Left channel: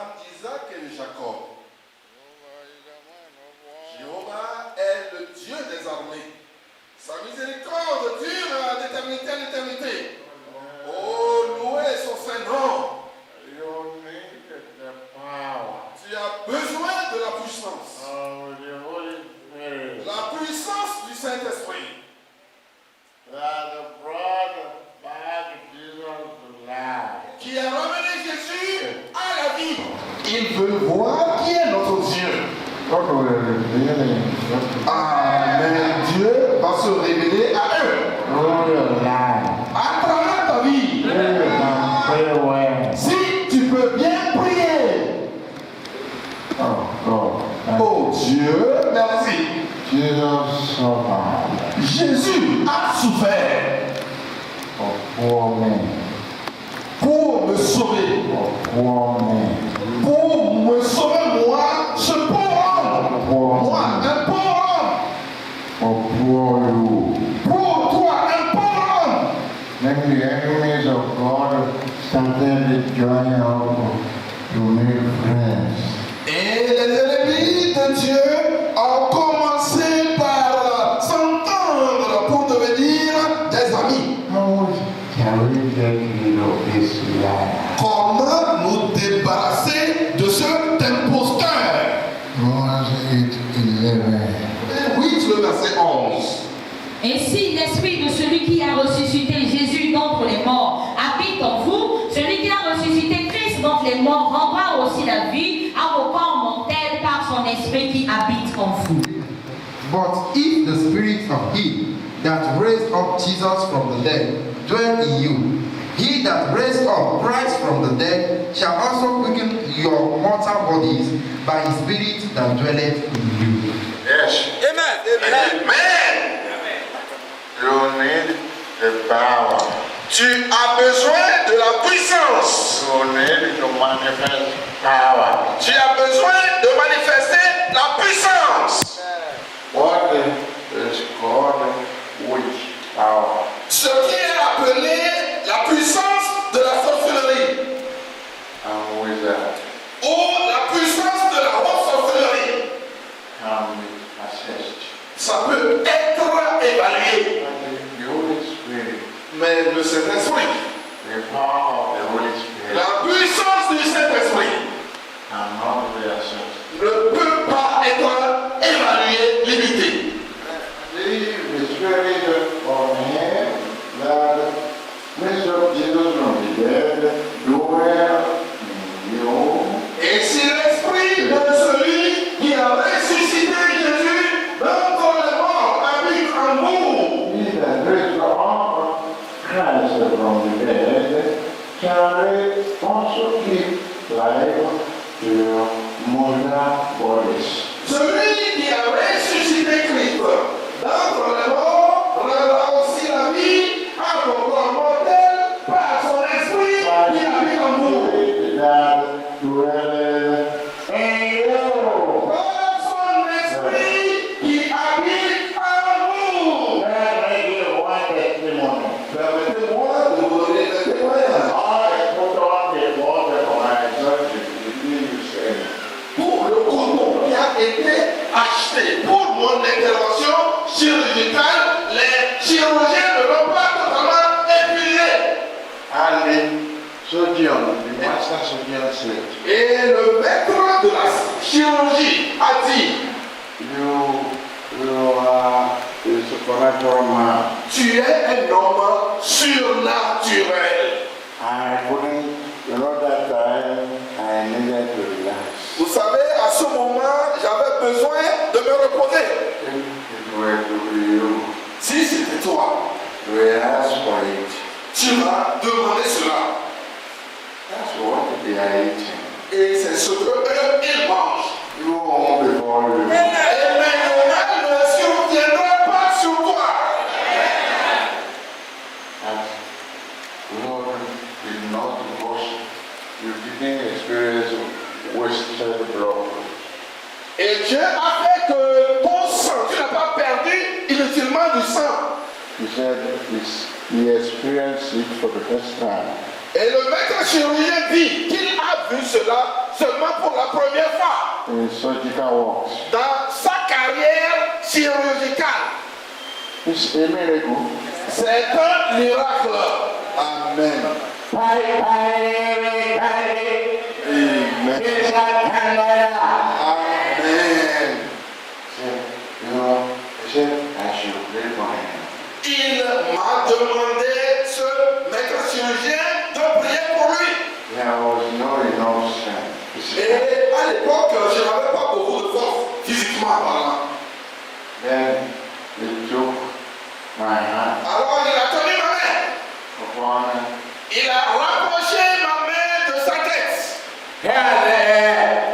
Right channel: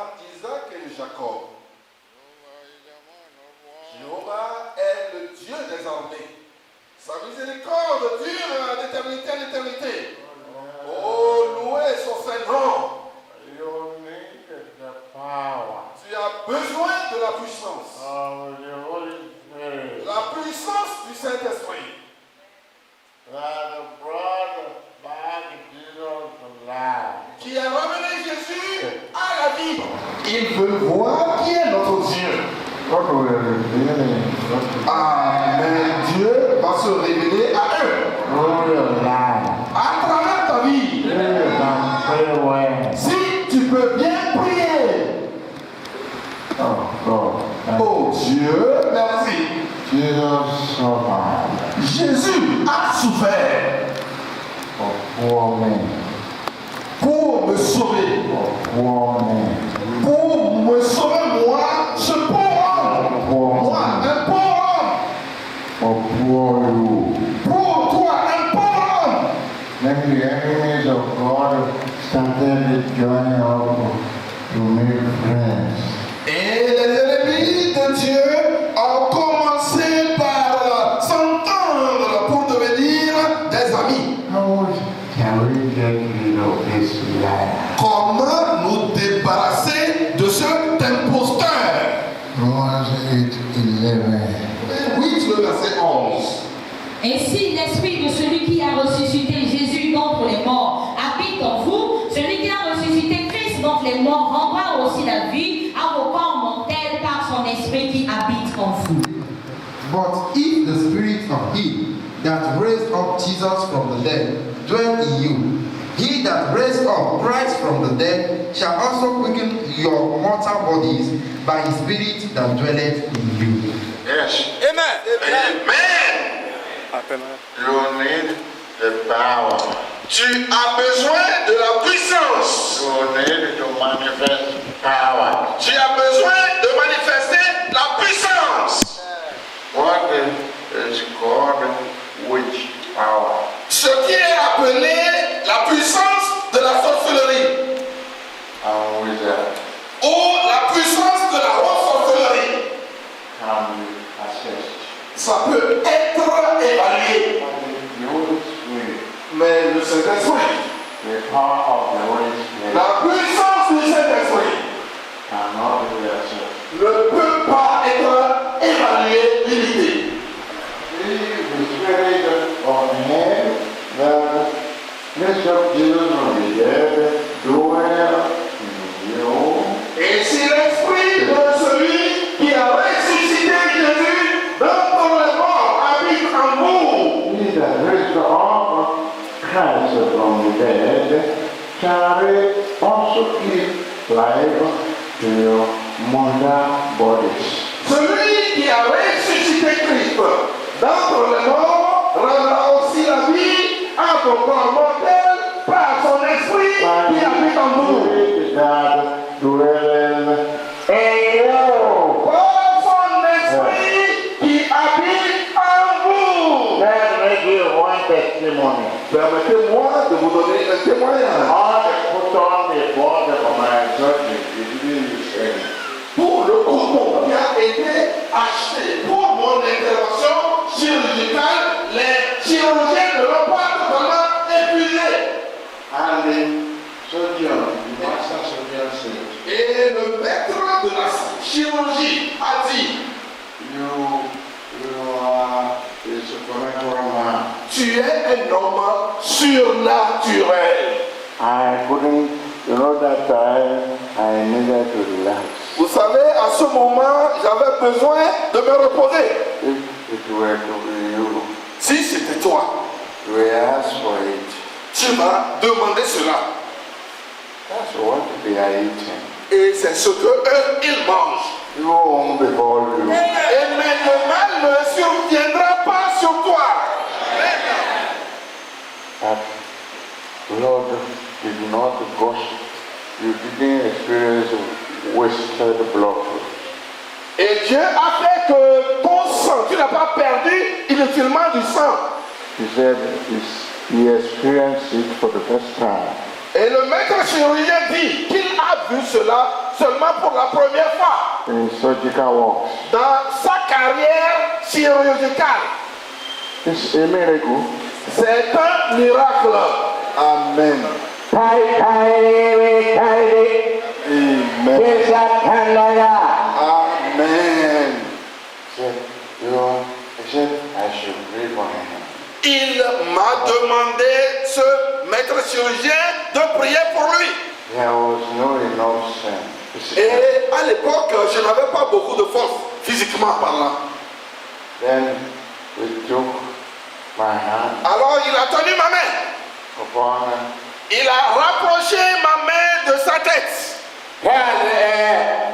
Abraham, Isaac et Jacob. Jéhovah est le Dieu des armées. Sa miséricorde dure d'éternité en éternité. Oh, loué son Saint-Nom. Tu as besoin de la puissance. La puissance du Saint-Esprit. Qui a ramené Jésus à la vie. Ils veulent voir qui est notre Dieu. Amen. Dieu va se révéler à eux. À travers ta vie. Si tu peux bien prier. Oh Dieu, merci. Jésus a souffert pour me sauver. Pour me sauver, moi, ce pauvre homme. Moi, un pauvre homme. Pour toi, un pauvre homme. Then the enemies of God started joining up to make friends. Et les ennemis de Dieu ont commencé par s'entendre pour devenir des amis. How can we get rid of this lie? Comment nous débarrasser de cet imposteur? Romans 8:11. Oui, le verset 11. Et si l'esprit de celui qui a ressuscité Jésus d'entre les morts habite en vous, celui qui a ressuscité Christ d'entre les morts rendra aussi la vie à vos corps mortels par son esprit qui habite en vous. But if the spirit of him that raised up Jesus from the dead dwell in you, he that raised up Christ from the dead shall also quicken your mortal bodies by his spirit that dwelleth in you. Yes. Amen. Amen. You need the power. Tu as besoin de la puissance. You need to manifest power. Tu as besoin de manifester la puissance. What is called witch power? Ce qui est appelé la puissance de la sorcellerie. And wizard Ou la puissance de la haute sorcellerie. can be assessed. Ça peut être évalué. The Holy Spirit, Mais le Saint-Esprit, the power of the Holy Spirit, la puissance du Saint-Esprit cannot be assessed. ne peut pas être évaluée, limitée. The Spirit of Him that raised up Jesus from the dead dwell in you. Et si l'Esprit de celui qui a ressuscité Jésus d'entre les morts habite en vous, He that raised up Christ from the dead shall also keep life to your mortal bodies. celui qui a ressuscité Christ d'entre les morts rendra aussi la vie à vos corps mortels par son Esprit qui habite en vous. That dwelleth in you. Par son Esprit qui habite en vous. Let me give one testimony. Permettez-moi de vous donner un témoignage. I put on the body of my son in the Pour le coton qui a été acheté pour mon intervention chirurgicale, les chirurgiens ne l'ont pas totalement épuisé. And the surgeon, the master surgeon said, Et le maître de la chirurgie a dit, you are a supernatural man. tu es un homme surnaturel. I couldn't, that time I needed to relax. Vous savez, à ce moment, j'avais besoin de me reposer. If it were to be you, Si c'était toi, you will ask for it. tu m'as demandé cela. That's what they are eating. Et c'est ce que eux, ils mangent. You won't be called you. Et le mal ne surviendra pas sur toi. But Lord did not because you didn't experience wasted blood. Et Dieu a fait que ton sang, tu n'as pas perdu inutilement du sang. He said he experienced it for the first time. Et le maître chirurgien dit qu'il a vu cela seulement pour la première fois in his surgical works. dans sa carrière chirurgicale. It's a miracle. C'est un miracle. Amen. Amen. Amen. I should pray for him. Il m'a demandé, ce maître chirurgien, de prier pour lui. There was no enough strength. Et à l'époque, je n'avais pas beaucoup de force, physiquement parlant. Then they took my hand Alors il a tenu ma main. upon Il a rapproché ma main de sa tête. the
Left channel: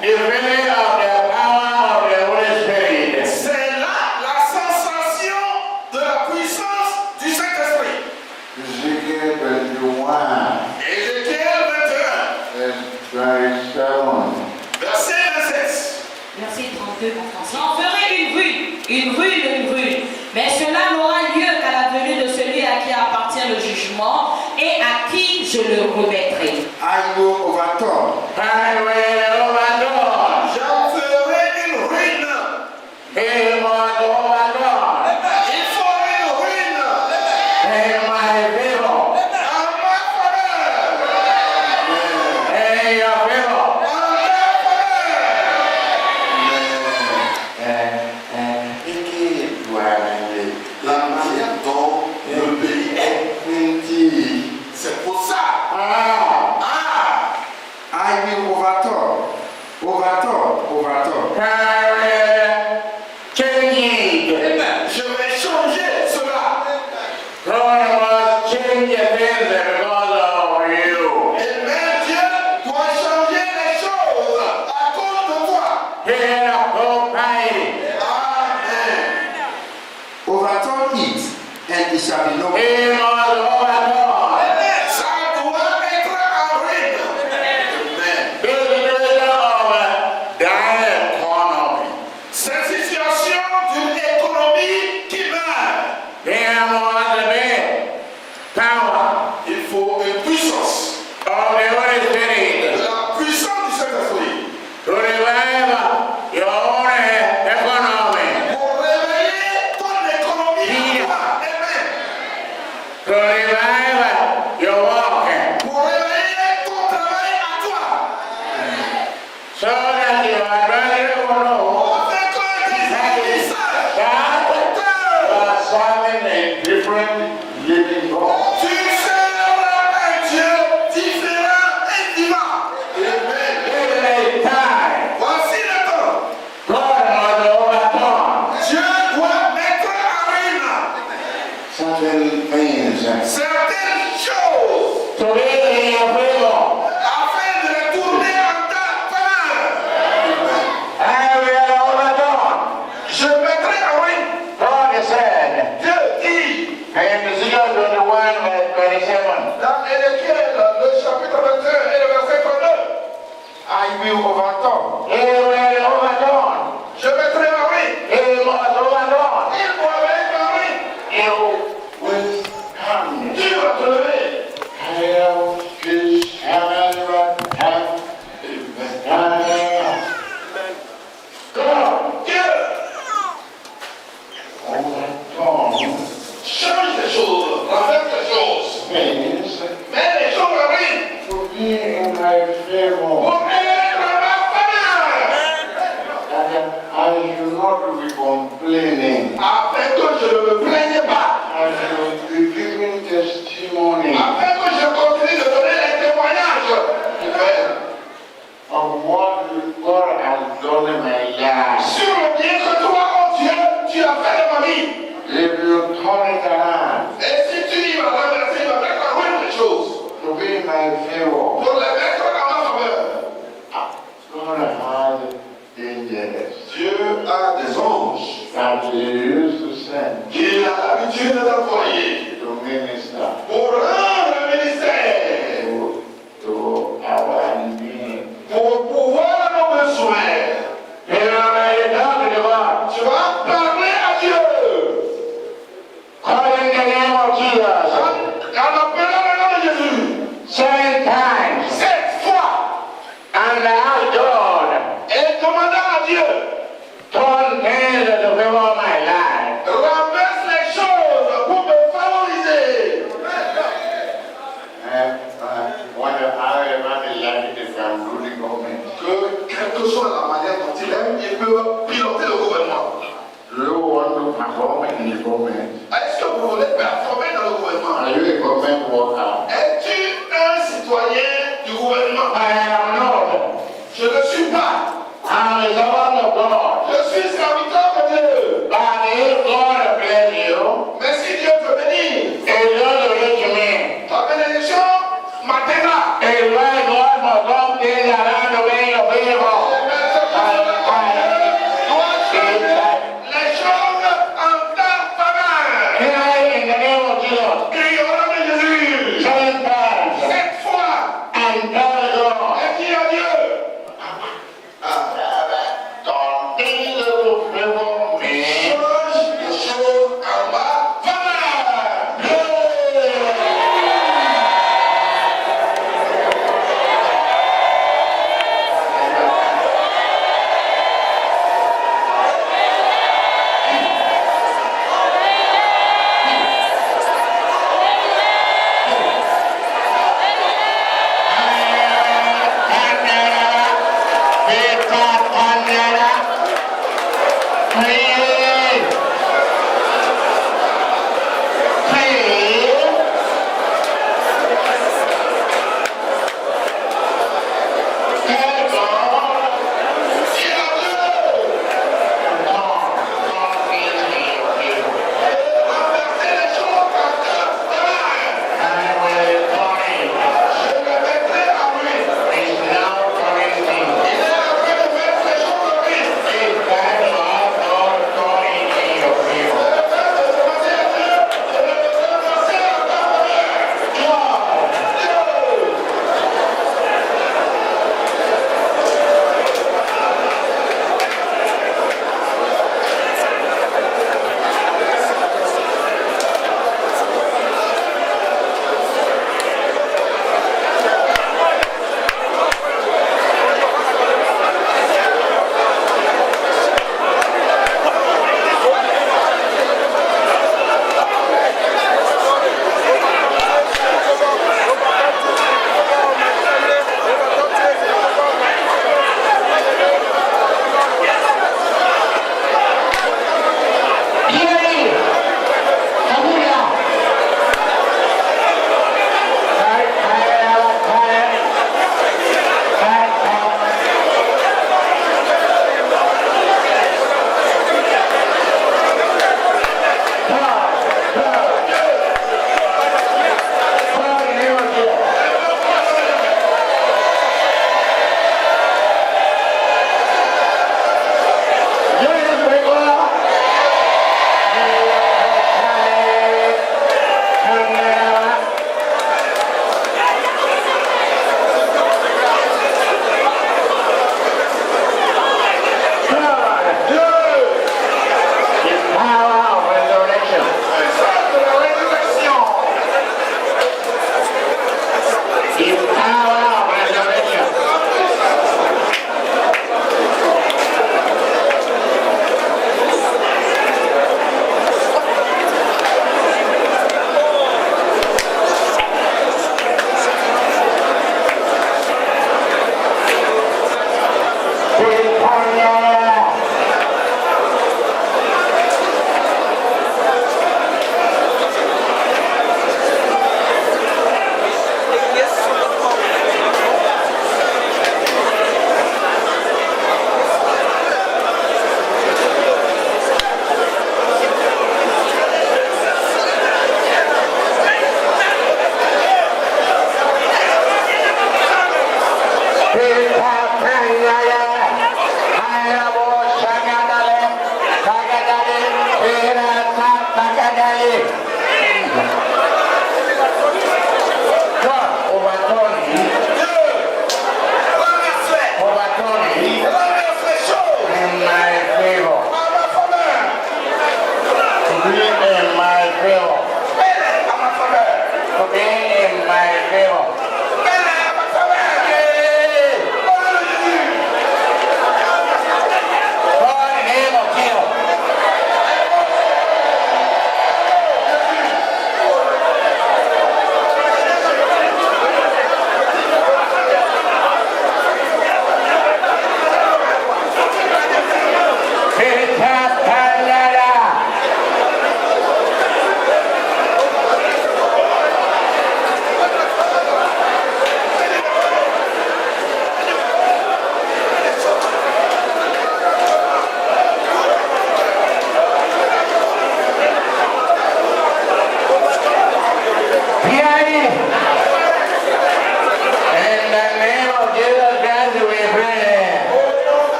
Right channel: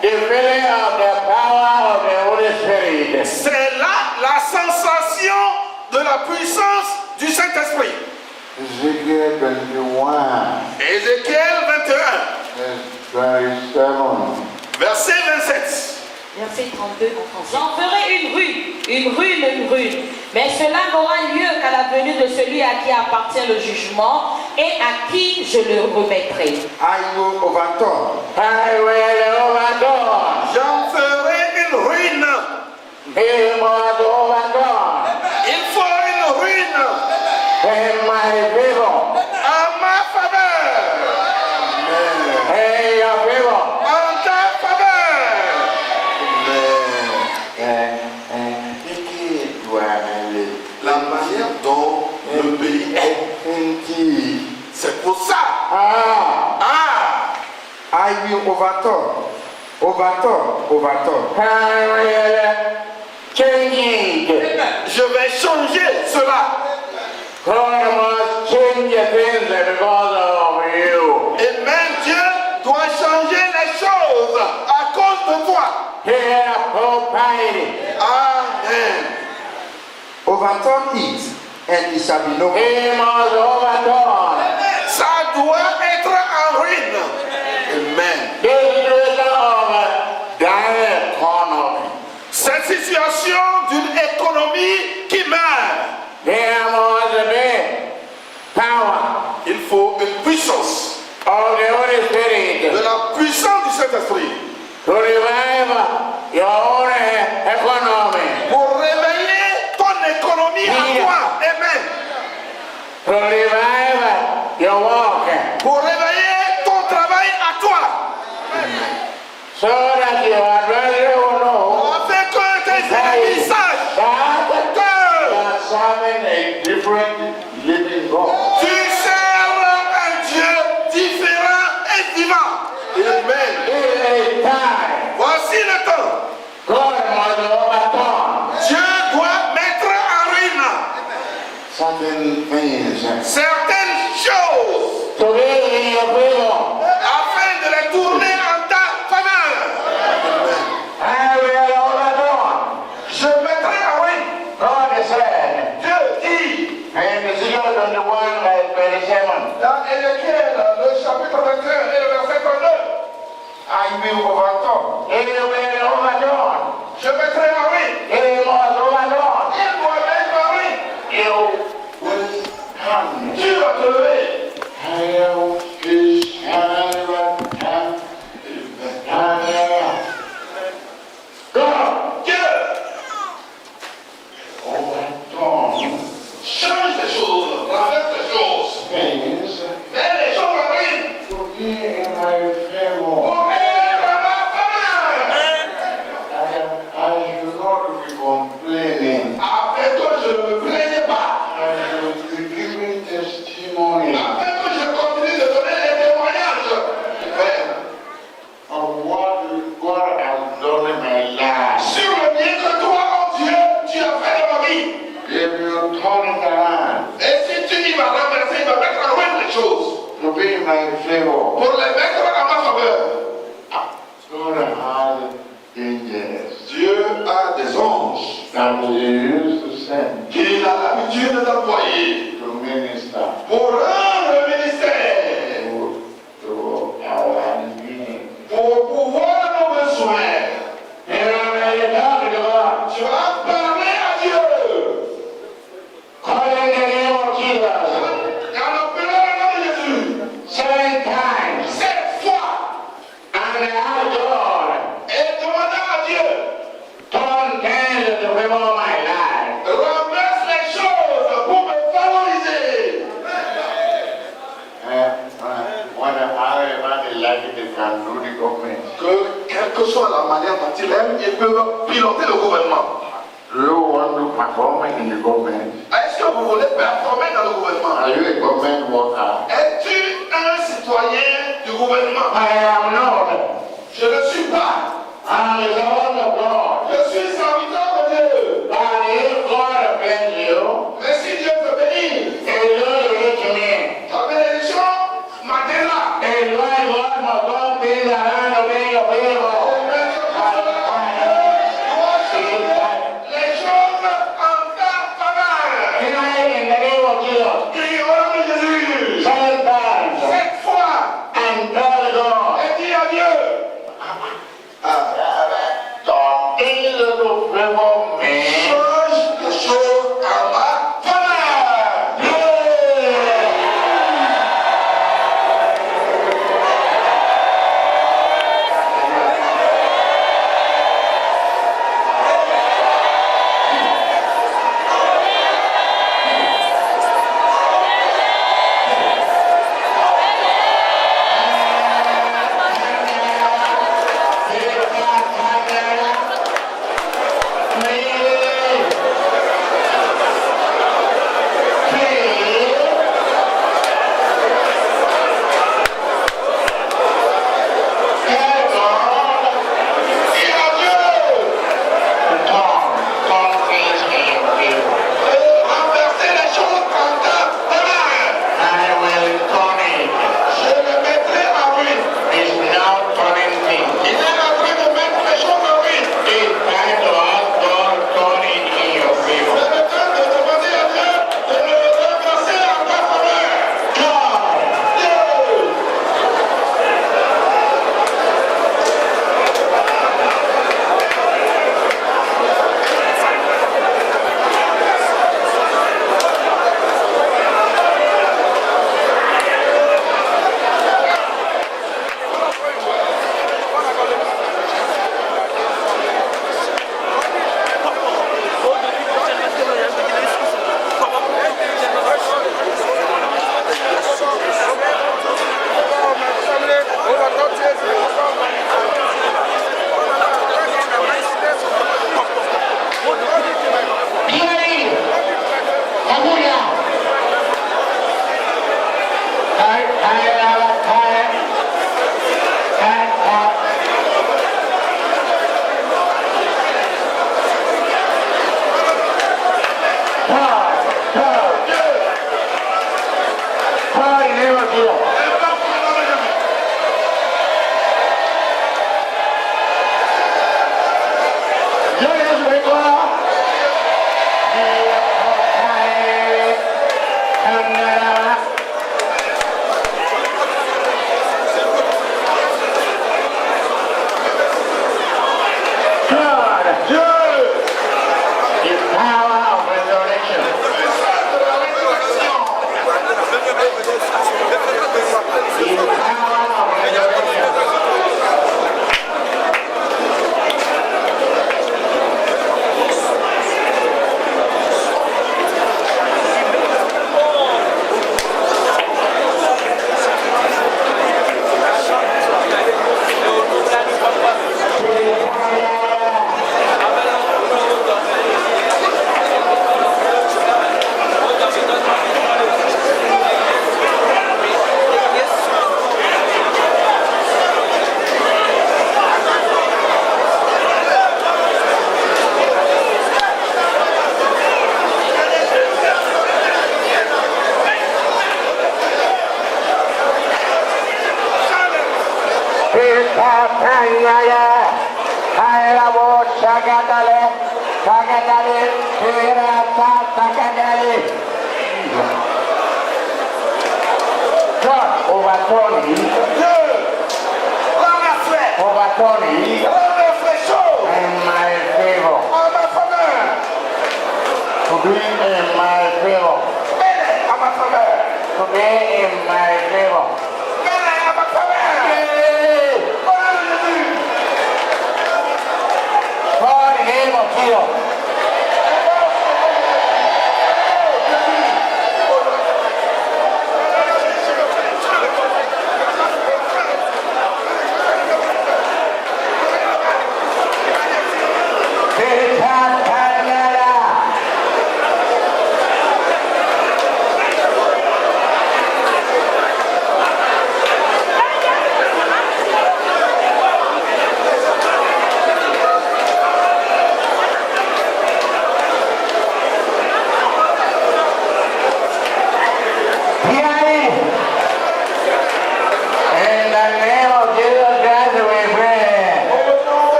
feeling of the power of the Holy Spirit. C'est là la sensation de la puissance du Saint-Esprit. Ezekiel 21, Ézéchiel 21, verset 27. Verset 32 en français. J'en ferai une rue. Mais cela n'aura lieu qu'à la venue de celui à qui appartient le jugement et à qui je le remettrai. I will overturn. I will overturn. J'en ferai une ruine. He must overturn. Il faut une ruine In my favor. en ma faveur. In your favor. En ta faveur. La manière dont le pays est. C'est pour ça. I will overturn. Change it. Je vais changer cela. God must change things because of you. Et même Dieu doit changer les choses à cause de toi. Here, Almighty. Amen. Overturn it, and it shall be no more. He must overturn. Ça doit être en ruine. Amen. The situation of dying economy. Cette situation d'une économie qui meurt. There must be power Il faut une puissance. of the Holy De Spirit la puissance du Saint-Esprit. to revive your own economy, Pour réveiller ton économie à toi. Amen. to revive your work, Pour réveiller ton travail à toi. so that your adversary will know On fait que tes ennemis sachent that que you are serving a different living God. tu sers un Dieu différent et vivant. Amen. In a time, Voici le temps. God must overturn Dieu doit mettre en ruine certain things certaines choses to be in your favor. afin de les tourner en ta faveur. I will overturn. Je mettrai en ruine. God said Dieu dit in Ezekiel 21 verse 27, dans Ézéchiel, le chapitre 21 et le verset 32, I will overturn. He will overturn. je mettrai en ruine. He must overturn. Il doit mettre en ruine. You will come. Tu vas te lever. Hail his heaven and God Dieu overturn change les choses, renverse les choses. things Mets les choses en ruine to be in my favor. pour être en ma faveur. I should not be complaining. Afin que je ne me plaigne pas. I should be giving testimony Afin que je continue de donner les témoignages. Amen. of what God has done in my life. Sur le bien que toi, oh Dieu, tu as fait de ma vie. If you turn it around Et si tu y vas renverser, de mettre en ruine les choses to be in my favor, pour les mettre en ma faveur. like they can do the government. Que quelle que soit la manière dont il aime, il peut piloter le gouvernement. Do you want to perform in the government? Est-ce que vous voulez performer dans le gouvernement? Are you a government worker? Es-tu un citoyen du gouvernement? I am not. Je ne suis pas. I am the servant of God. Je suis serviteur de Dieu. And if God bless you, Mais si Dieu te bénit, it will reach me. ta bénédiction m'atteindra. It will God must come things around the way of evil. Les choses en ta faveur. In the name of Jesus. Crie au nom de Jésus. 7 times. 7 fois. And tell God. Et dis à Dieu. Some things will favor me. Change les choses en ma faveur. Renverser les choses en ta faveur. Je me mettrai en ruine. Il est en train de mettre les choses en ruine. Je me fais de demander à Dieu de me renverser en ta faveur. Dieu. Puissance de la résurrection.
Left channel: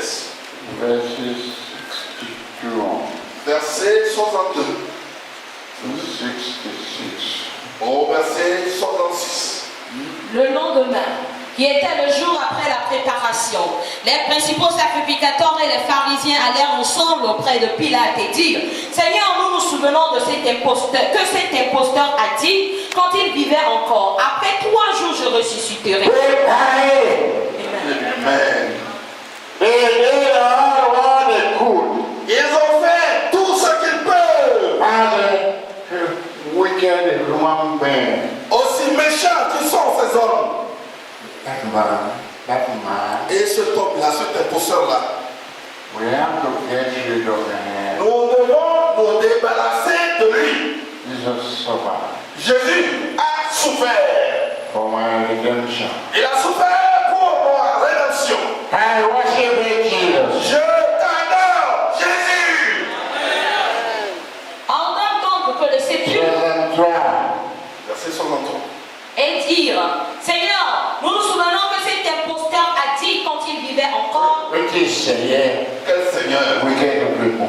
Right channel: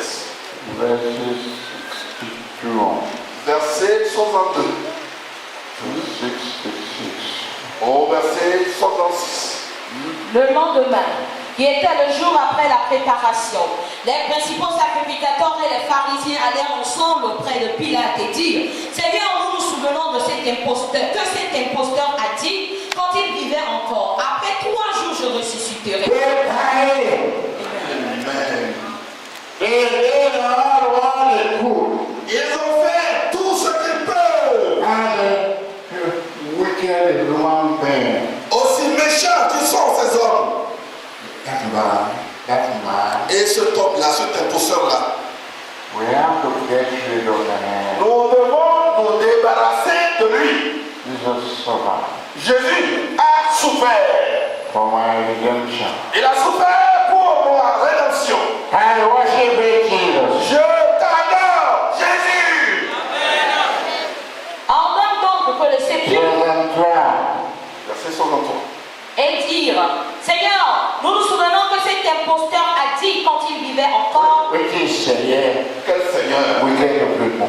67. verses 62 Verset 62. to 66. Au verset 66. Le lendemain, qui était le jour après la préparation, les principaux sacrificateurs et les pharisiens allèrent ensemble auprès de Pilate et dirent: Seigneur, nous nous souvenons de cet imposteur, que cet imposteur a dit quand il vivait encore: après 3 jours je ressusciterai. Amen. They did all what they could, Ils ont fait tout ce qu'ils peuvent. and wicked human being. Aussi méchants qu'ils sont ces hommes. That man, Et cet homme-là, cet imposteur-là, we have to get rid of him. nous devons nous débarrasser de lui. Jesus suffered Jésus a souffert. for my redemption. Il a souffert pour ma rédemption. I worship Jesus. Je t'adore, Jésus. Ordonne donc que le sépulcre Verset 63. et dire: Seigneur, nous nous souvenons que cet imposteur a dit quand il vivait encore. Which is Seigneur, Quel Seigneur. wicked people.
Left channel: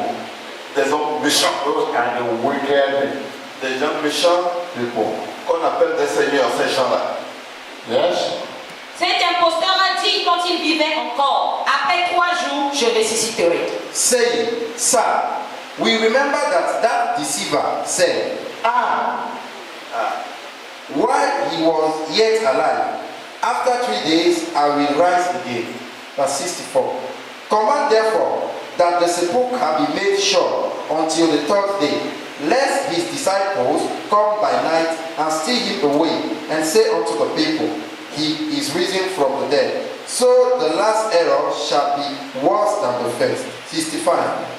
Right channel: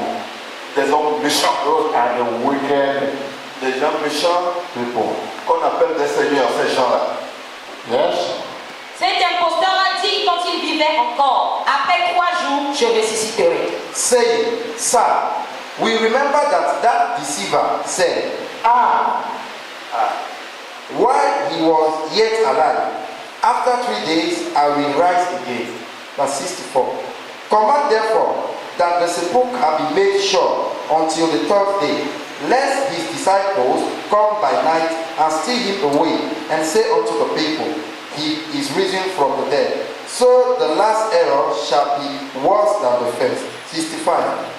Des hommes méchants. Those are the wicked Des gens méchants people. qu'on appelle des seigneurs, ces gens-là. Yes? Cet imposteur a dit quand il vivait encore: après 3 jours, je ressusciterai. saying, Sir, we remember that deceiver said, while he was yet alive, after 3 days I will rise again. Verse 64. Command therefore that the sepulchre be made sure until the 3rd day, lest his disciples come by night and steal him away, and say unto the people, He is risen from the dead. So the last error shall be worse than the first. 65.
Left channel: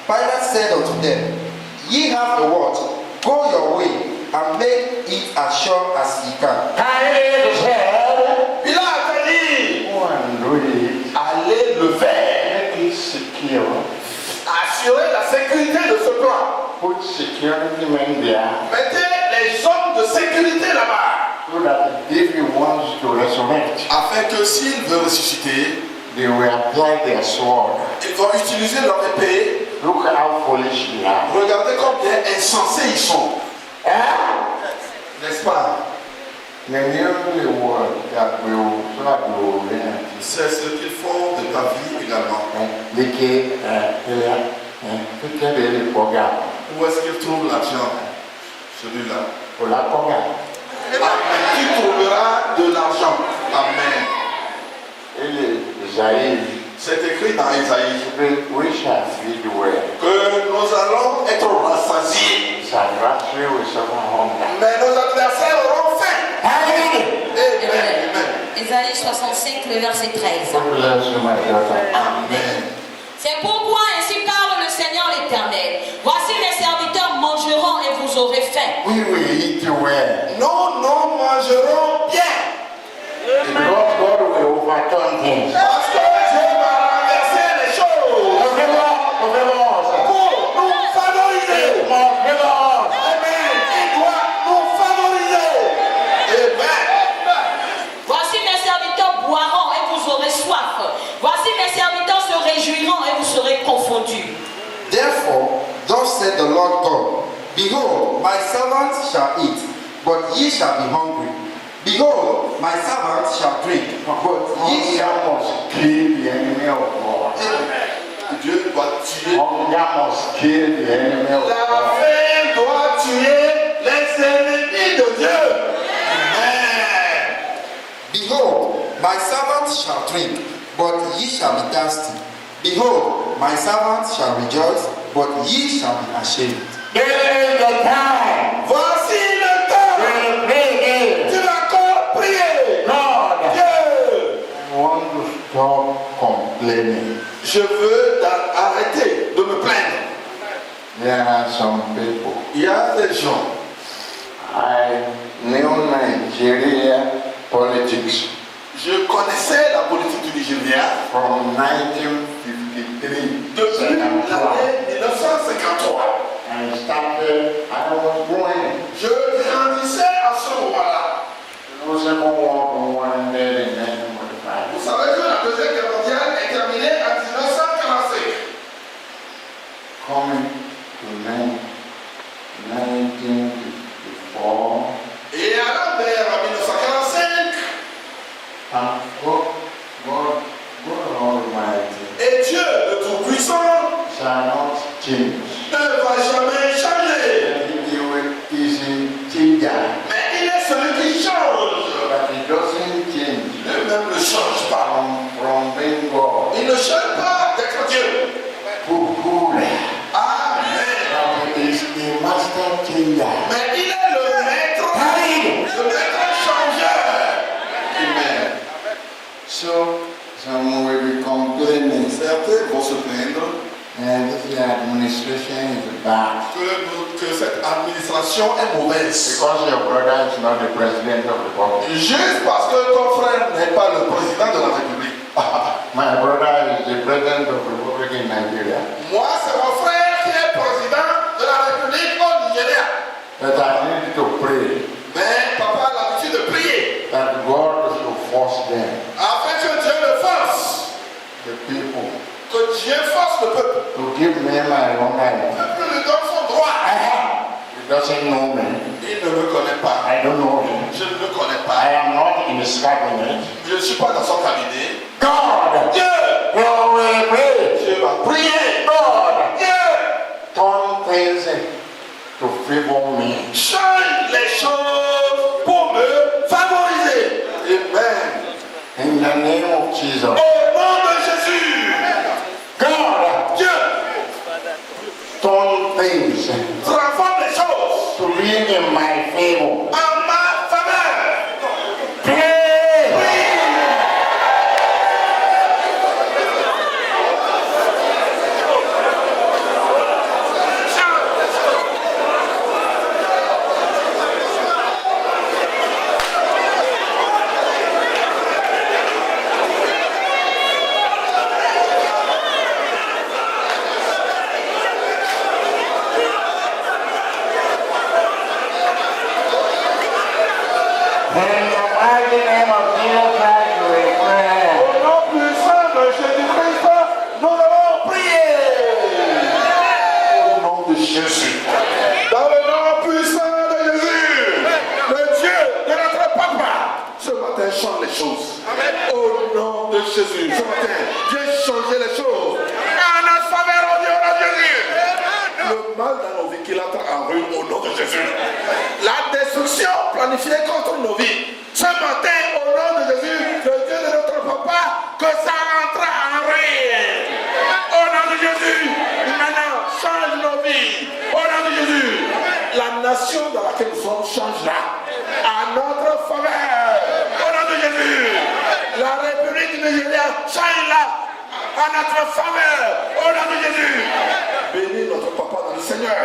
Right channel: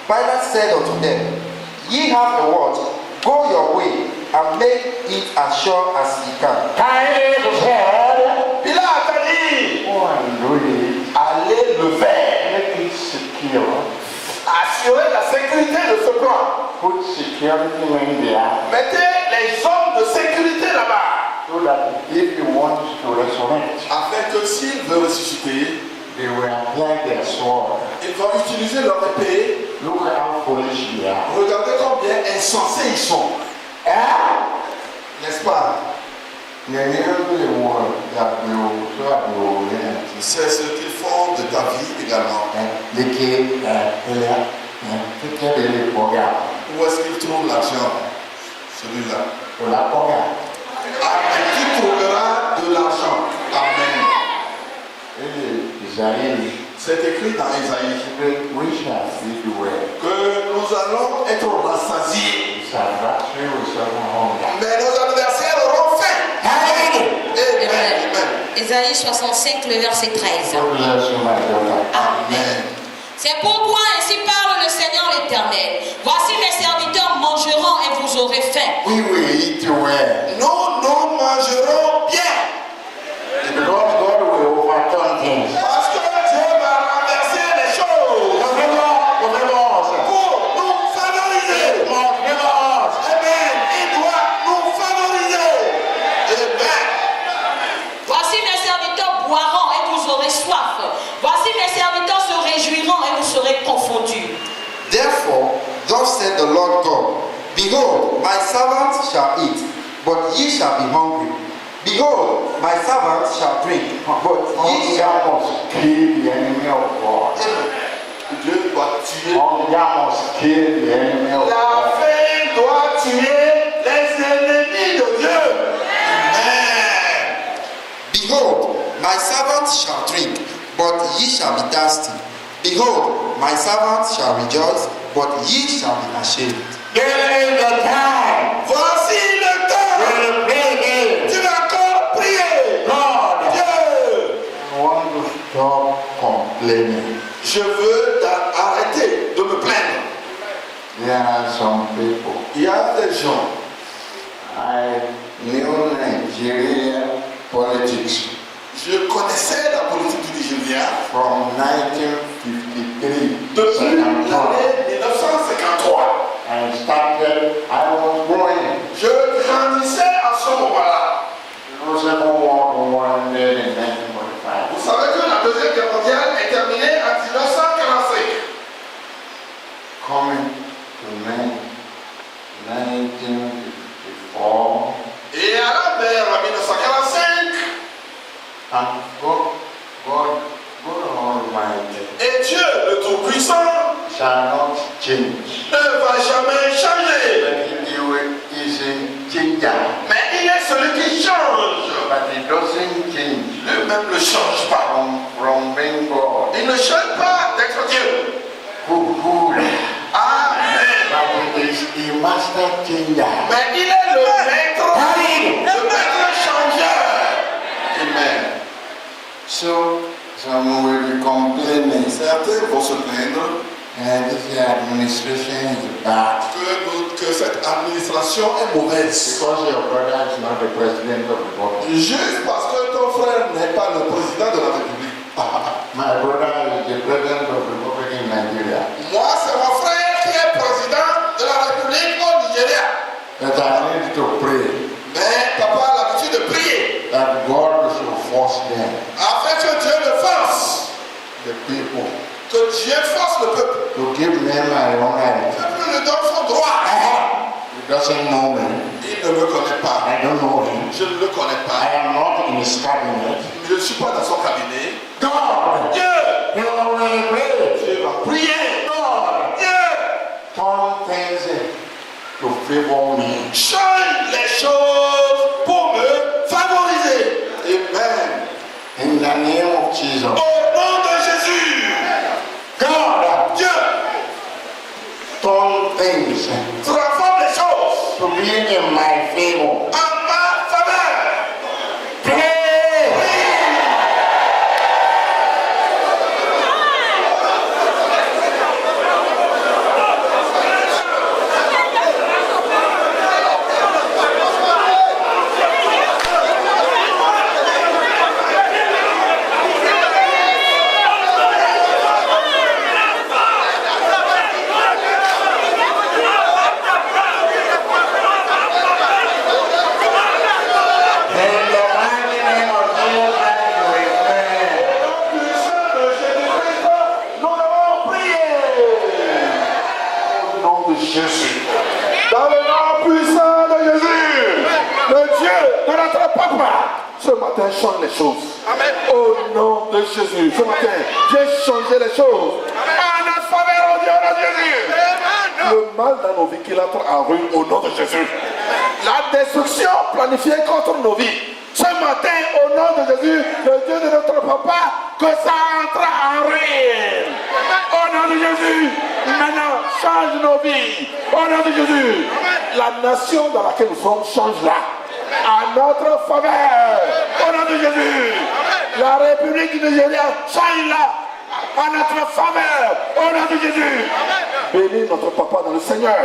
Pilate said unto them, Ye have a word, go your way, and make it as sure as ye can. Pilate said, Pilate a dit, go and do it. allez le faire. Make it secure. Assurez la sécurité de ce plan. Put security men there Mettez les hommes de sécurité là-bas. so that if he wants to resurrect, Afin que s'il veut ressusciter, they will apply their sword. ils vont utiliser leur épée. Look how foolish we are. Regardez combien insensés ils sont. N'est-ce pas? C'est ce qu'ils font de ta vie également. Où est-ce qu'ils trouvent l'argent? Celui-là. Amen. Tu trouveras de l'argent. Amen. C'est écrit dans Isaïe que nous allons être rassasiés. Mais nos adversaires auront faim. Amen. Amen. Ésaïe 65, le verset 13. Amen. C'est pourquoi ainsi parle le Seigneur l'Éternel. Voici mes serviteurs mangeront et vous aurez faim. We will eat well. Nous mangerons bien. Because God will overturn things. Parce que Dieu va renverser les choses pour nous favoriser. Amen. Il doit nous favoriser. Amen. Voici mes serviteurs boiront et vous aurez soif. Voici mes serviteurs se réjouiront et vous serez confondus. Therefore, thus said the Lord God, Behold, my servants shall eat, but ye shall be hungry. Behold, my servants shall drink, but ye shall Must kill the enemy of God. Dieu doit tuer. Hunger must kill the enemy of La God. faim doit tuer les ennemis de Dieu. Amen. Behold, my servants shall drink, but ye shall be thirsty. Behold, my servants shall rejoice, but ye shall be ashamed. This is the time. Voici le temps. We'll pray Tu vas encore prier. God, Dieu, I want to stop complaining. je veux arrêter de me plaindre. There are some people. Il y a des gens. I knew Nigeria politics Je connaissais la politique du Nigeria from 1953. depuis l'année 1953. I started, I was growing. Je grandissais à ce moment-là. The Second World War ended in 1945. Vous savez que la Deuxième Guerre mondiale est terminée en 1945. shall not change. ne va jamais changer. He is a changer. Mais il est celui qui change. But he doesn't change Lui-même ne change pas. from being God. Il ne change pas d'être Dieu. Who Amen. But he is a master changer. Mais il est le maître changeur. Amen. So, some will be complaining. Certains vont se plaindre And this administration is bad. que cette administration est mauvaise. Because your brother is not the president of the republic. Juste parce que ton frère n'est pas le président de la République. My brother is the president of the republic in Nigeria. Moi, c'est mon frère qui est président de la République au Nigeria. That I need to pray Mais papa a l'habitude de prier that God should force them, afin que Dieu le force. the people, Que Dieu force le peuple. to give them my own Le identity. peuple lui donne son droit. He doesn't know me. Il ne me connaît pas. I don't know him. Je ne le connais I pas. am not in his cabinet. Je ne suis pas dans son cabinet. God, Dieu, he will pray. Dieu va prier. God, Dieu, turn things to favor me. change les choses pour me favoriser. Amen. In the name of Jesus. Au nom de Jésus. God, Dieu, turn things transforme les choses to be in my favor. en ma faveur. Pray. Jésus. Dans le nom puissant de Jésus, le Dieu de notre papa, ce matin change les choses. Amen. Au nom de Jésus, ce matin, viens changer les choses. En notre faveur, au Dieu de Jésus. Le mal dans nos vies qu'il entre en ruine au nom de Jésus. La destruction planifiée contre nos vies. Ce matin, au nom de Jésus, le Dieu de notre papa, que ça entre en ruine. Au nom de Jésus, maintenant, change nos vies. Au nom de Jésus, la nation dans laquelle nous sommes change là. À notre faveur. Au nom de Jésus, la République du Nigeria change là. À notre faveur. Au nom de Jésus. Bénis notre papa dans le Seigneur.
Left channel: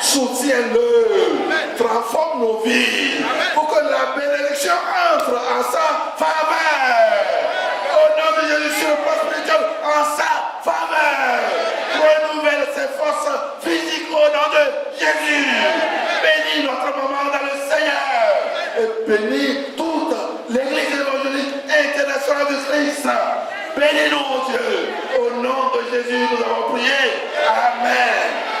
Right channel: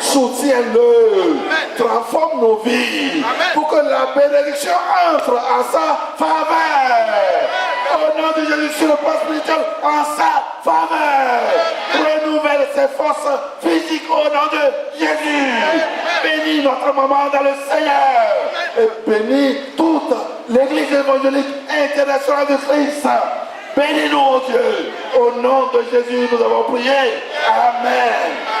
Soutiens-le. Transforme nos vies. Pour que la bénédiction entre en sa faveur. Au nom de Jésus, sur le plan spirituel, en sa faveur. Renouvelle ses forces physiques au nom de Jésus. Bénis notre maman dans le Seigneur. Et bénis toute l'église évangélique internationale de Christ. Bénis-nous, oh Dieu. Au nom de Jésus, nous avons prié. Amen.